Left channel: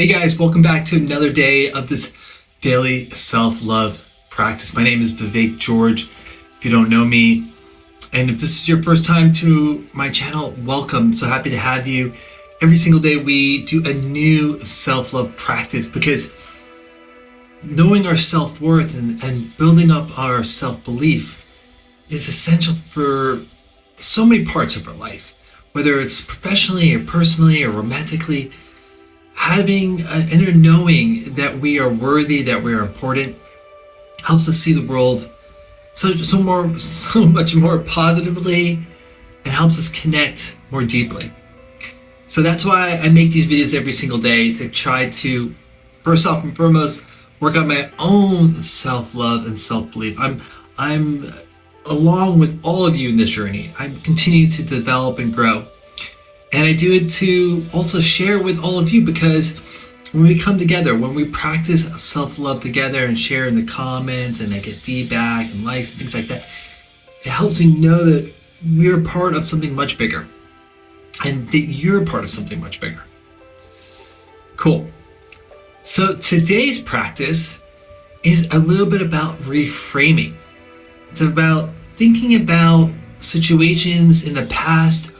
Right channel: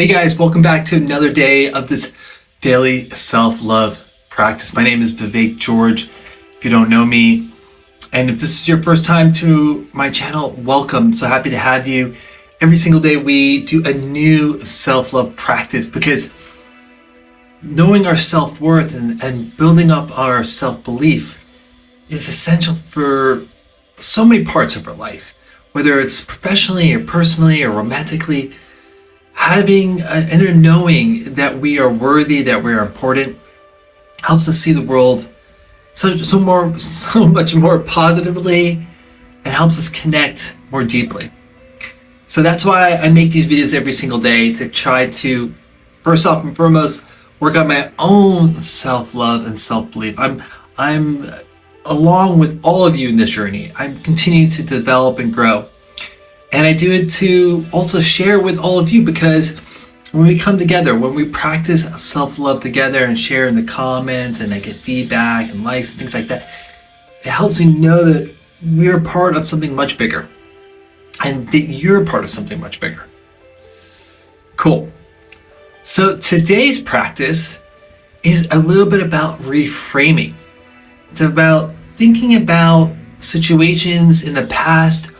Hey guys, welcome back to another day of this daily self-love practice. My name is Vivek George, if you don't know me. And if this is your first time to my channel, welcome. So happy to have you. Every single day we do a new self-love practice because knowing our self-worth and building up our self-belief is essential for so many parts of our life, whether it's professionally or personally or romantically. Having an inner knowing that we are worthy, that we're important, helps us see the world so much more positively and helps us connect more deeply. So that's why I make these videos every single day, to try to, first off and foremost, work on my own self-love and self-belief. I'm along with all of you in this journey. I'm continuing to develop and grow. And I do it to also share with all of you, because when we come together, when we practice self-love together and share in the comments and I get feedback and likes and things like that, it helps me know that we're part of something much bigger and that you're part of something much bigger. Cool. So today's practice is a little bit about reframing. It's about thinking about situations in the past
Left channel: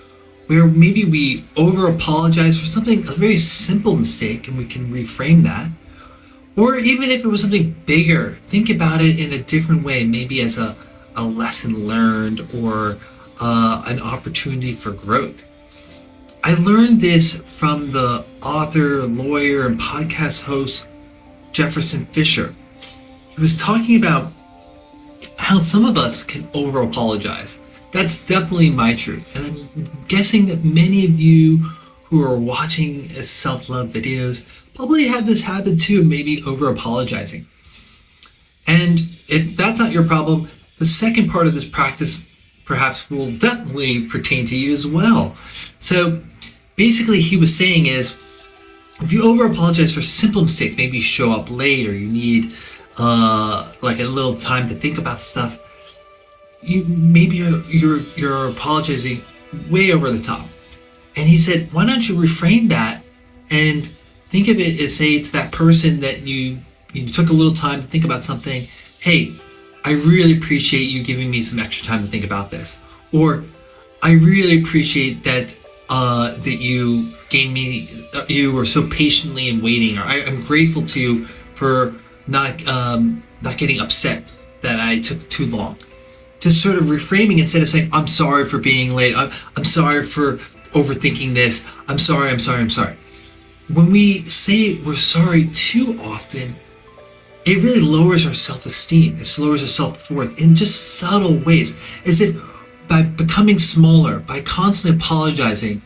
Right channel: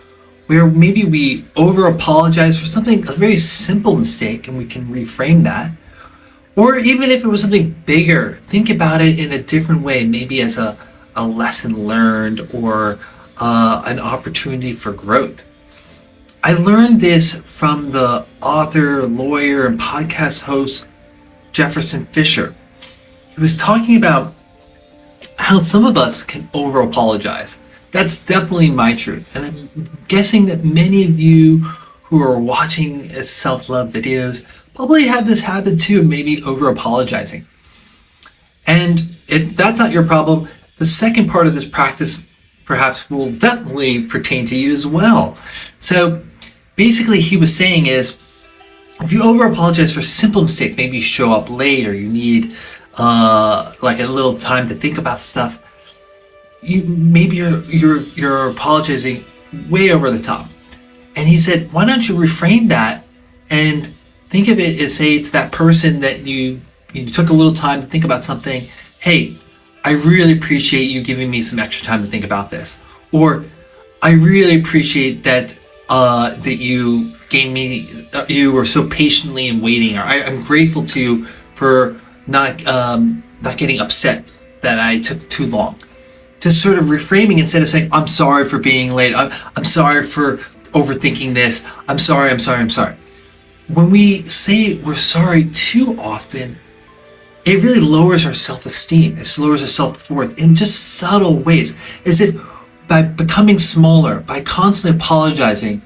where maybe we over-apologize for something, a very simple mistake, and we can reframe that. Or even if it was something bigger, think about it in a different way, maybe as a lesson learned or an opportunity for growth. I learned this from the author, lawyer, and podcast host, Jefferson Fisher. He was talking about how some of us can over-apologize. That's definitely my truth. And I'm guessing that many of you who are watching self-love videos probably have this habit too, maybe over-apologizing. And if that's not your problem, the second part of this practice perhaps will definitely pertain to you as well. So basically he was saying is, if you over-apologize for simple mistakes, maybe you show up late or you need like a little time to think about stuff, you're apologizing way over the top. And he said, why don't you reframe that and think of it as, say, to that person that you took a little time to think about something. Hey, I really appreciate you giving me some extra time to think about this. Or I really appreciate that that you gave me, you were so patiently in waiting. Or I'm grateful to you for not getting upset that I took too long. Just sort of reframing instead of saying, I'm sorry for being late. I'm sorry for overthinking this. I'm sorry. When we say we're sorry too often, it really lowers our self-esteem. It lowers our self-worth in just subtle ways. As if by becoming smaller, by constantly apologizing,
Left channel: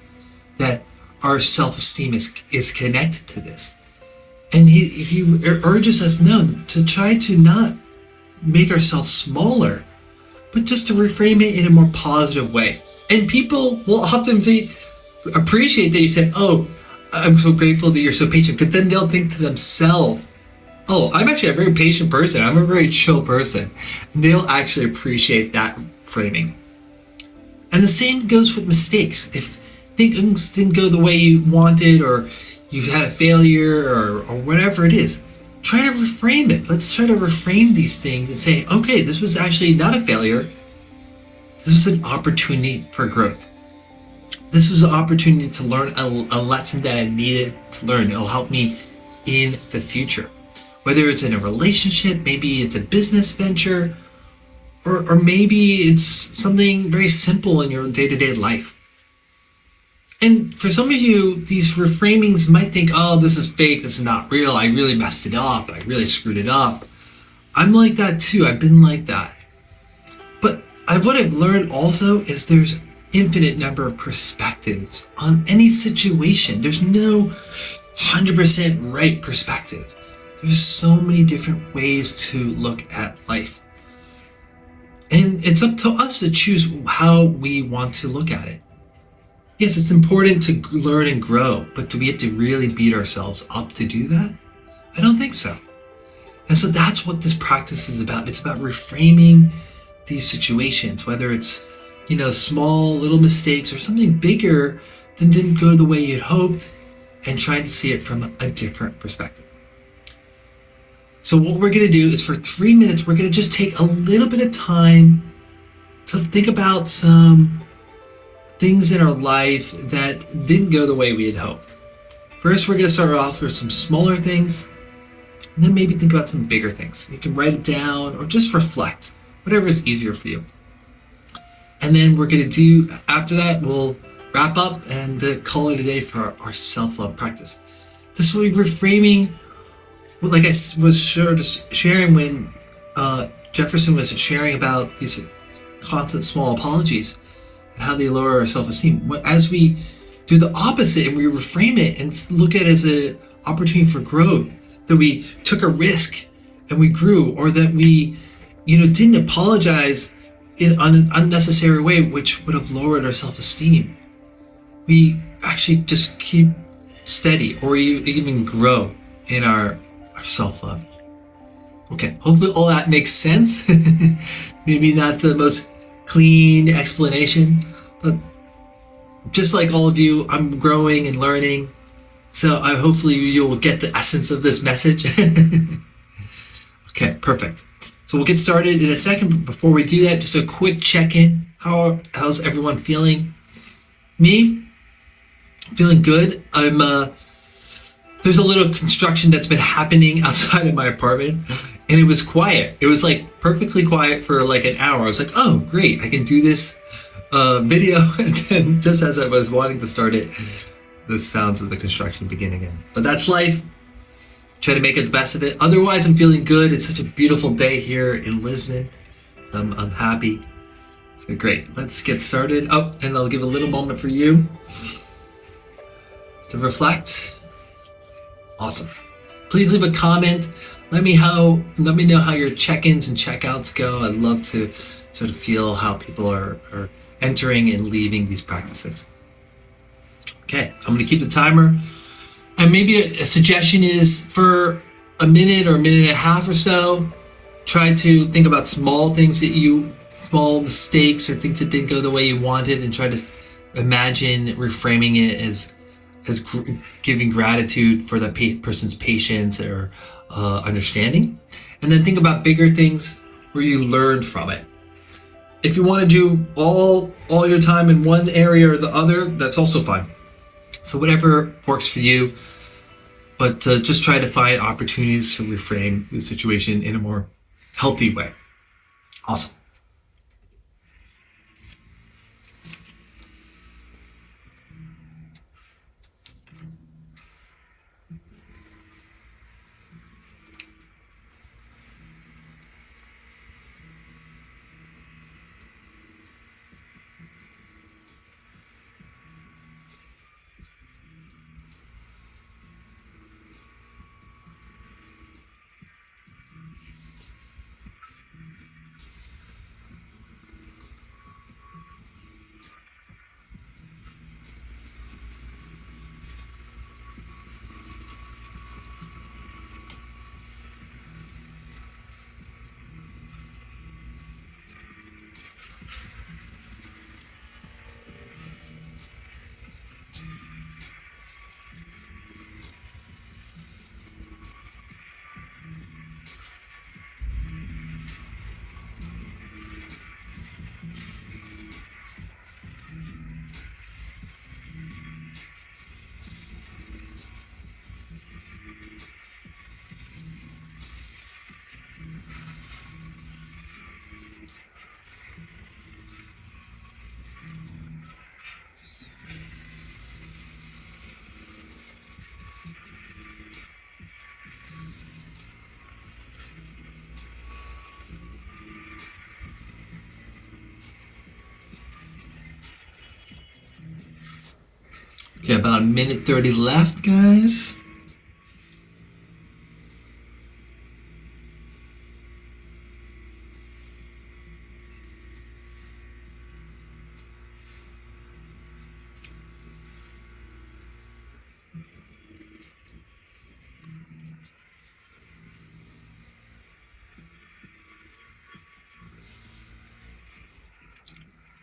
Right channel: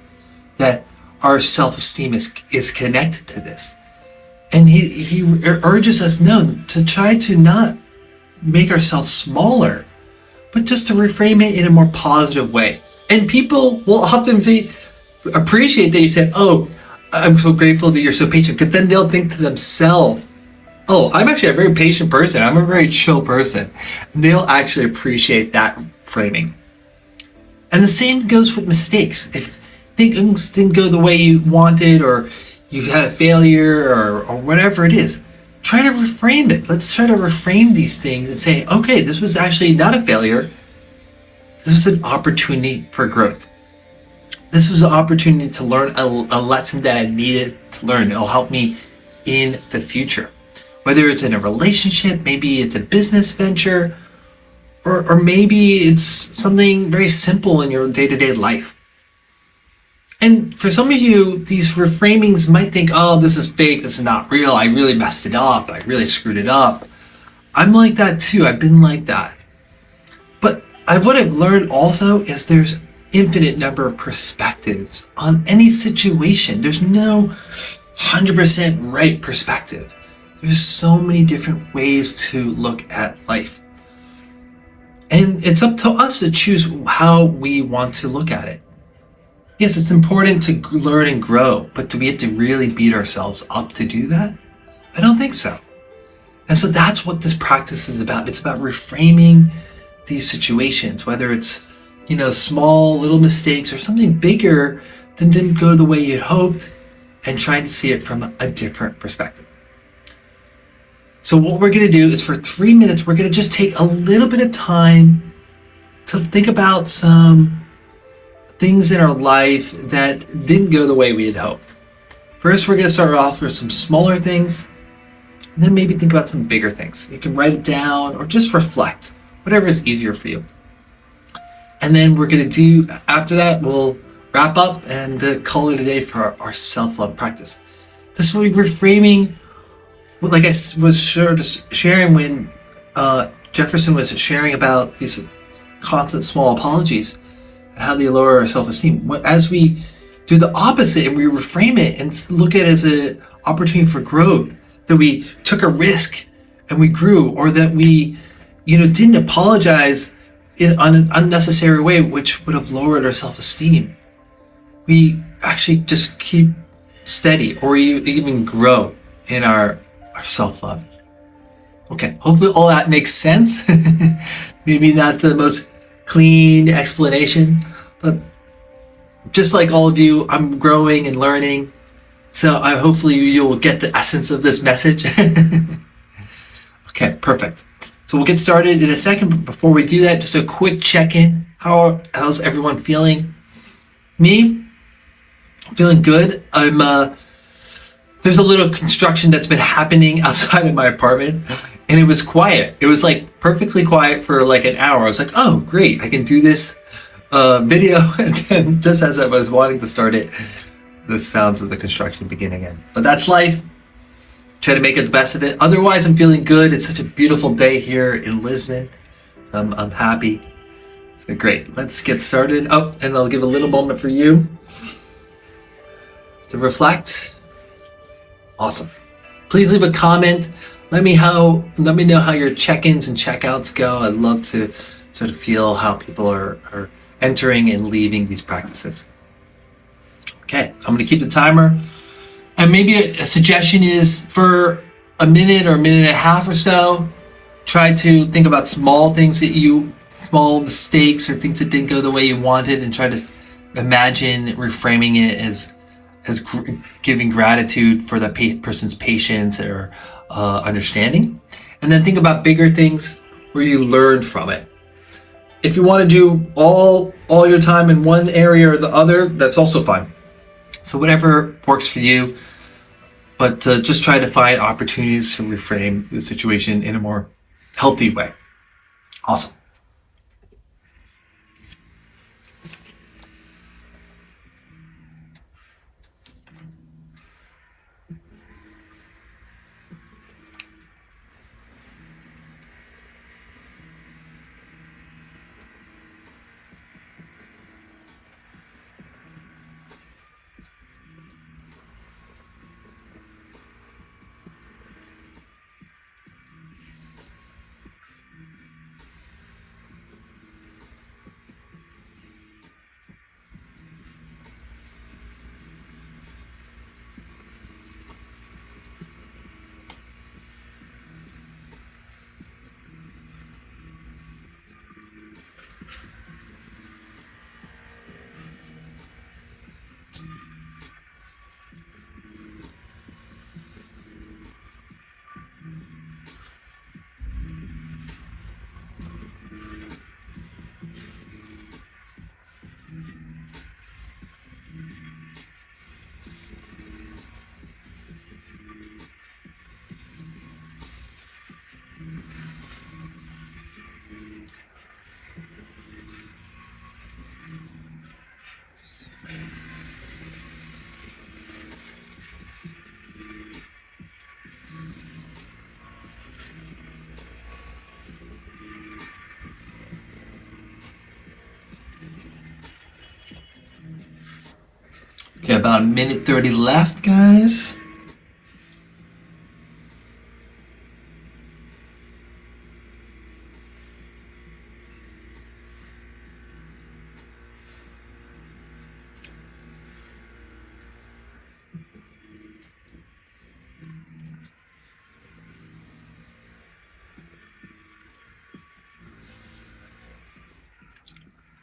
that our self-esteem is connected to this. And he urges us, no, to try to not make ourselves smaller, but just to reframe it in a more positive way. And people will often appreciate that you said, oh, I'm so grateful that you're so patient, because then they'll think to themselves, oh, I'm actually a very patient person. I'm a very chill person. And they'll actually appreciate that framing. And the same goes with mistakes. If things didn't go the way you wanted, or you've had a failure, or whatever it is, try to reframe it. Let's try to reframe these things and say, okay, this was actually not a failure. This was an opportunity for growth. This was an opportunity to learn a lesson that I needed to learn. It'll help me in the future. Whether it's in a relationship, maybe it's a business venture, or maybe it's something very simple in your day-to-day life. And for some of you, these reframings might think, oh, this is fake, this is not real, I really messed it up, I really screwed it up. I'm like that too, I've been like that. But what I've learned also is there's infinite number of perspectives on any situation. There's no 100% right perspective. There's so many different ways to look at life. And it's up to us to choose how we want to look at it. Yes, it's important to learn and grow, but do we have to really beat ourselves up to do that? I don't think so. And so that's what this practice is about. It's about reframing these situations, whether it's, small little mistakes or something bigger that didn't go the way you'd hoped, and trying to see it from a different perspective. So what we're going to do is for 3 minutes, we're going to just take a little bit of time to think about some things in our life that didn't go the way we had hoped. First, we're going to start off with some smaller things, and then maybe think about some bigger things. You can write it down or just reflect, whatever is easier for you. And then we're going to do, after that, we'll wrap up and call it a day for our self-love practice. This will be reframing, like I was sharing when Jefferson was sharing about these constant small apologies and how they lower our self-esteem. As we do the opposite and we reframe it and look at it as an opportunity for growth, that we took a risk and we grew, or that we, didn't apologize in an unnecessary way, which would have lowered our self-esteem. We actually just keep steady, or even grow in our self-love. Okay, hopefully all that makes sense. Maybe not the most clean explanation, but just like all of you, I'm growing and learning. So hopefully you will get the essence of this message. Okay, perfect. So we'll get started in a second, but before we do that, just a quick check-in. How's everyone feeling? Me, feeling good. There's a little construction that's been happening outside of my apartment, and it was quiet. It was like perfectly quiet for like an hour. I was like, oh, great, I can do this video. And then just as I was wanting to start it, the sounds of the construction begin again. But that's life. Try to make it the best of it. Otherwise, I'm feeling good. It's such a beautiful day here in Lisbon. I'm happy. So great. Let's get started. Oh, and I'll give a little moment for you to reflect. Awesome. Please leave a comment. Let me know how your check-ins and check-outs go. I'd love to sort of feel how people are entering and leaving these practices. Okay, I'm going to keep the timer. And maybe a suggestion is for a minute or a minute and a half or so, try to think about small mistakes or things that didn't go the way you wanted, and try to imagine reframing it as giving gratitude for the person's patience or understanding. And then think about bigger things where you learned from it. If you want to do all your time in one area or the other, that's also fine. So whatever works for you, but just try to find opportunities to reframe the situation in a more healthy way. Awesome. Okay, about a minute 30 left, guys.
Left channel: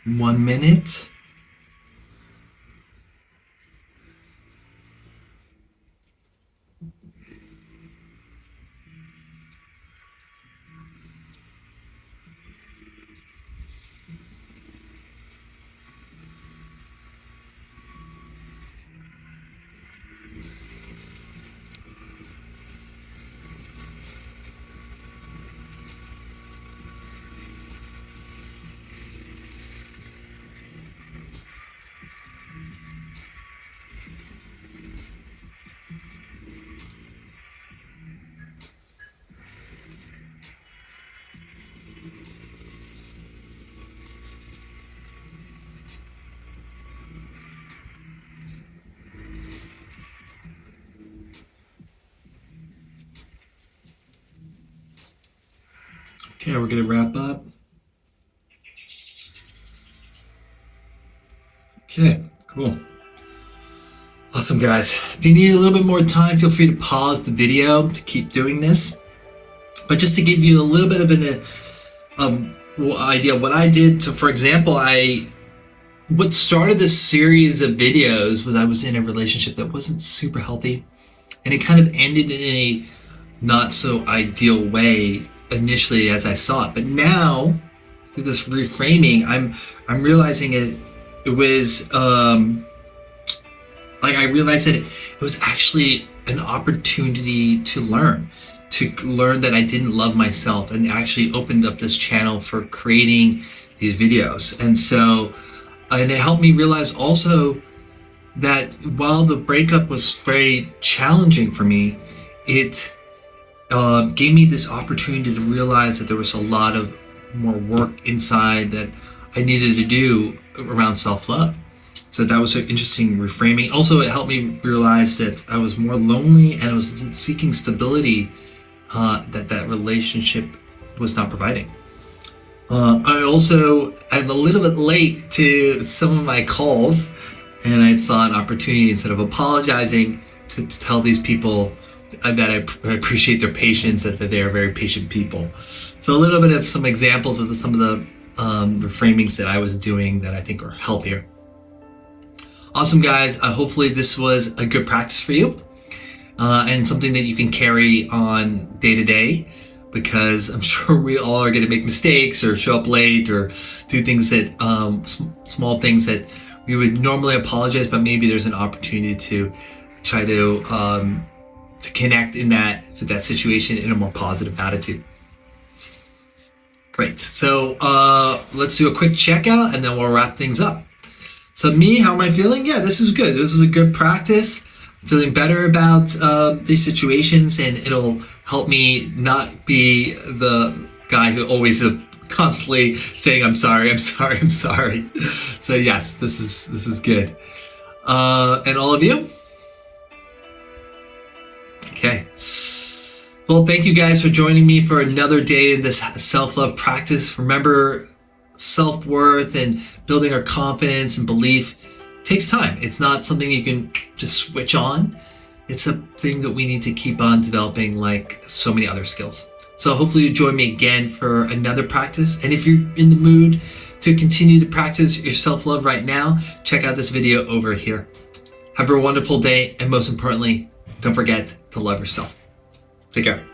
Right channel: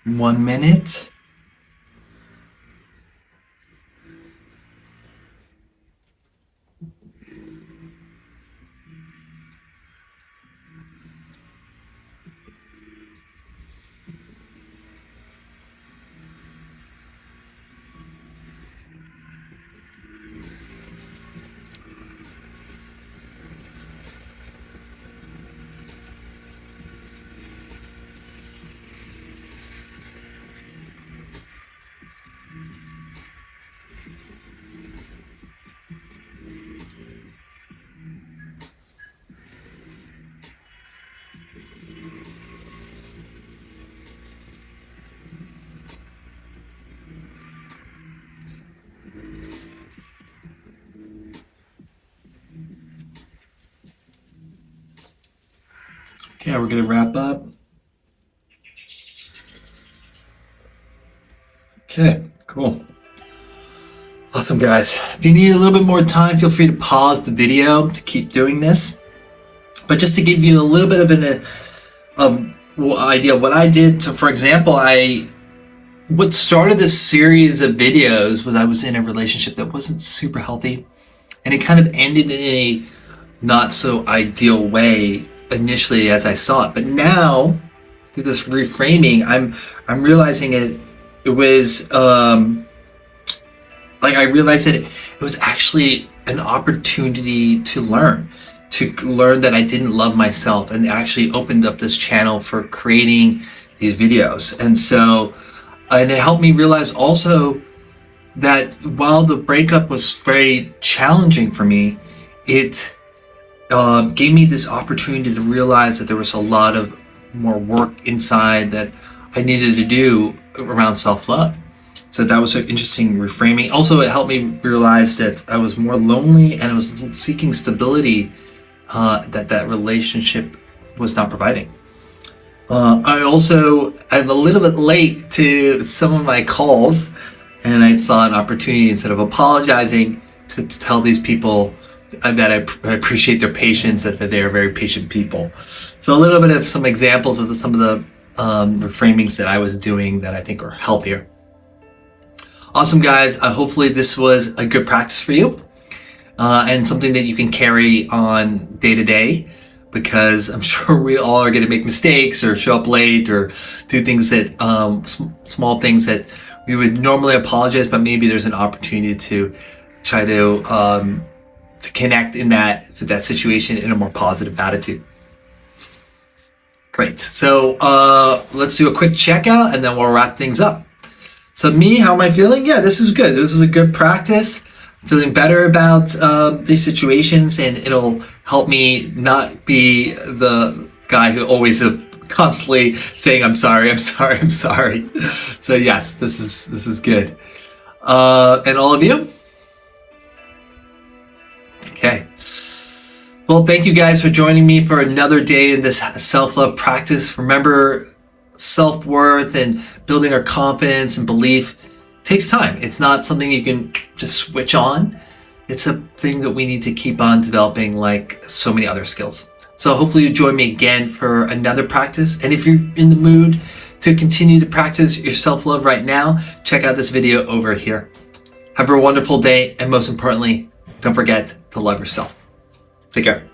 One minute. Okay, we're gonna wrap up. Okay, cool. Awesome, guys. If you need a little bit more time, feel free to pause the video to keep doing this. But just to give you a little bit of an idea what I did. So, for example, what started this series of videos was I was in a relationship that wasn't super healthy, and it kind of ended in a not so ideal way initially as I saw it. But now, through this reframing, I'm realizing it was I realized that it was actually an opportunity to learn that I didn't love myself, and actually opened up this channel for creating these videos. And it helped me realize also that while the breakup was very challenging for me, it gave me this opportunity to realize that there was a lot of more work inside that I needed to do around self-love. So that was an interesting reframing. Also, it helped me realize that I was more lonely and I was seeking stability that relationship was not providing. I'm a little bit late to some of my calls, and I saw an opportunity, instead of apologizing, to tell these people that I appreciate their patience, that they are very patient people. So a little bit of some examples of some of the reframings that I was doing that I think are healthier. Awesome, guys. Hopefully this was a good practice for you, and something that you can carry on day to day, because I'm sure we all are going to make mistakes or show up late or do things that small things that we would normally apologize, but maybe there's an opportunity to try to connect in that situation in a more positive attitude. Great. So let's do a quick checkout and then we'll wrap things up. So me, how am I feeling? Yeah, this is good. This is a good practice. I'm feeling better about these situations, and it'll help me not be the guy who always constantly saying, I'm sorry, I'm sorry, I'm sorry. So yes, this is good. And all of you? Okay. Well, thank you guys for joining me for another day in this self-love practice. Remember, self-worth and building our confidence and belief takes time. It's not something you can just switch on. It's a thing that we need to keep on developing, like so many other skills. So hopefully you join me again for another practice. And if you're in the mood to continue to practice your self-love right now, check out this video over here. Have a wonderful day, and most importantly, don't forget to love yourself. Take care.